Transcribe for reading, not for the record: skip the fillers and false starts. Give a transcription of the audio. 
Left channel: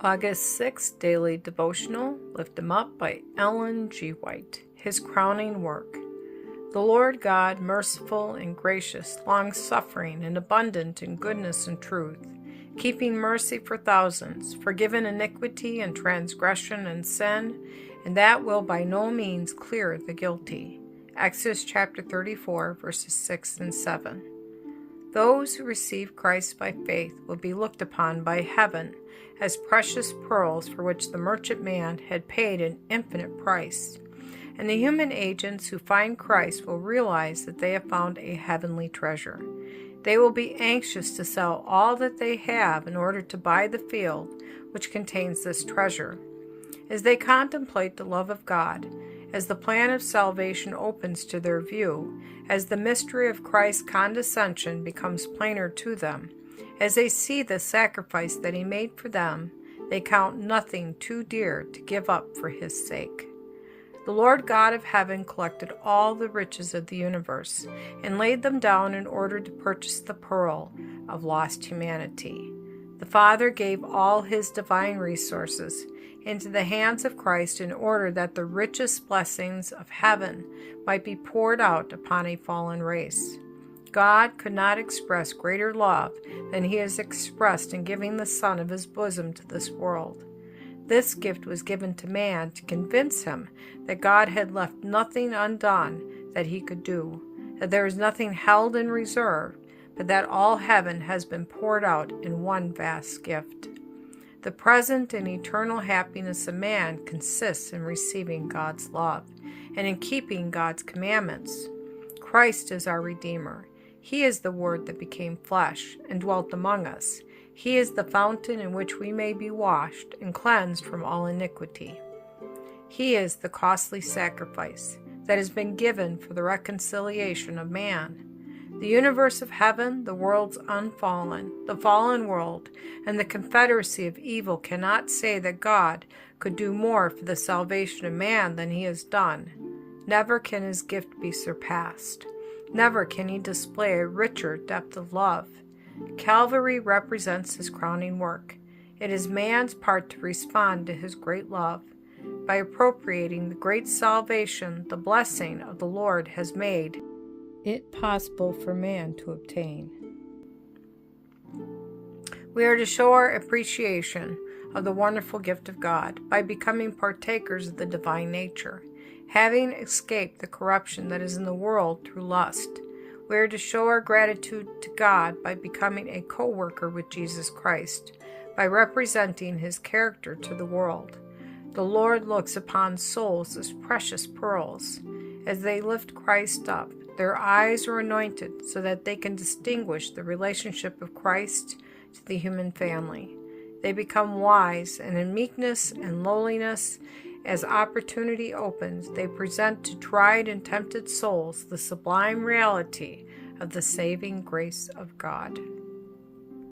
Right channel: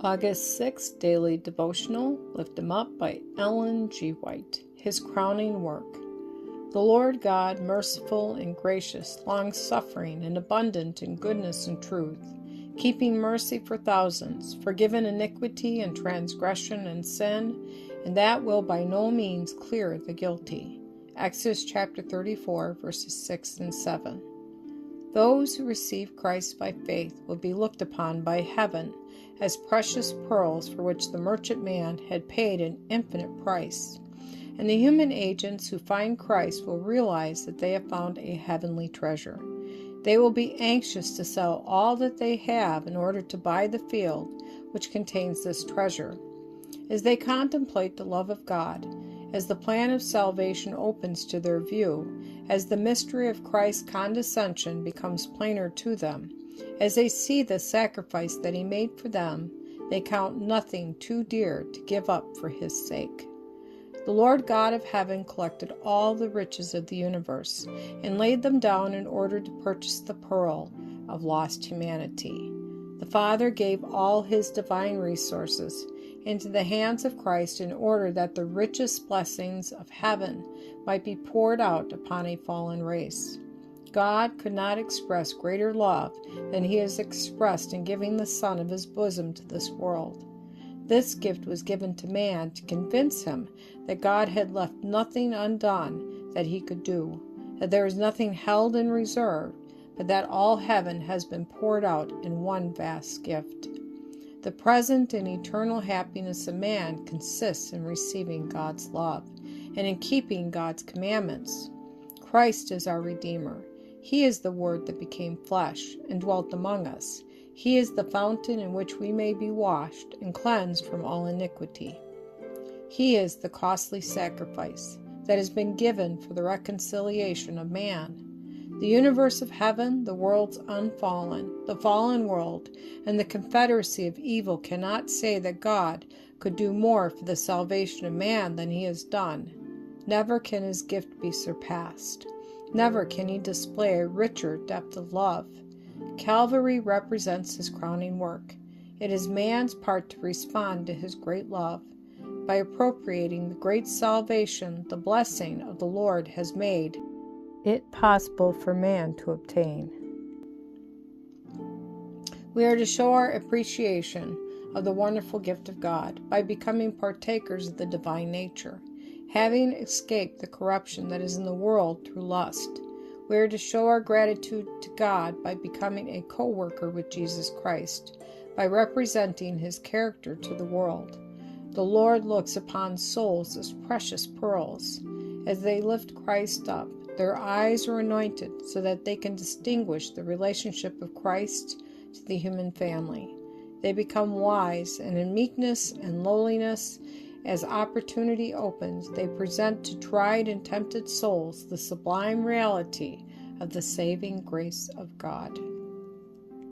August 6th Daily Devotional, Lift Him Up by Ellen G. White. His crowning work. The Lord God, merciful and gracious, long-suffering and abundant in goodness and truth, keeping mercy for thousands, forgiving iniquity and transgression and sin, and that will by no means clear the guilty. Exodus chapter 34, verses 6 and 7. Those who receive Christ by faith will be looked upon by heaven as precious pearls for which the merchantman had paid an infinite price. And the human agents who find Christ will realize that they have found a heavenly treasure. They will be anxious to sell all that they have in order to buy the field which contains this treasure. As they contemplate the love of God, as the plan of salvation opens to their view, as the mystery of Christ's condescension becomes plainer to them, as they see the sacrifice that He made for them, they count nothing too dear to give up for His sake. The Lord God of heaven collected all the riches of the universe and laid them down in order to purchase the pearl of lost humanity. The Father gave all His divine resources into the hands of Christ in order that the richest blessings of heaven might be poured out upon a fallen race. God could not express greater love than He has expressed in giving the Son of His bosom to this world. This gift was given to man to convince him that God had left nothing undone that He could do, that there is nothing held in reserve, but that all heaven has been poured out in one vast gift. The present and eternal happiness of man consists in receiving God's love and in keeping God's commandments. Christ is our Redeemer. He is the Word that became flesh and dwelt among us. He is the fountain in which we may be washed and cleansed from all iniquity. He is the costly sacrifice that has been given for the reconciliation of man. The universe of heaven, the worlds unfallen, the fallen world, and the confederacy of evil cannot say that God could do more for the salvation of man than He has done. Never can His gift be surpassed. Never can He display a richer depth of love. Calvary represents His crowning work. It is man's part to respond to His great love. By appropriating the great salvation the blessing of the Lord has made it possible for man to obtain. We are to show our appreciation of the wonderful gift of God by becoming partakers of the divine nature, having escaped the corruption that is in the world through lust. We are to show our gratitude to God by becoming a co-worker with Jesus Christ, by representing His character to the world. The Lord looks upon souls as precious pearls. As they lift Christ up, their eyes are anointed so that they can distinguish the relationship of Christ to the human family. They become wise, and in meekness and lowliness, as opportunity opens, they present to tried and tempted souls the sublime reality of the saving grace of God.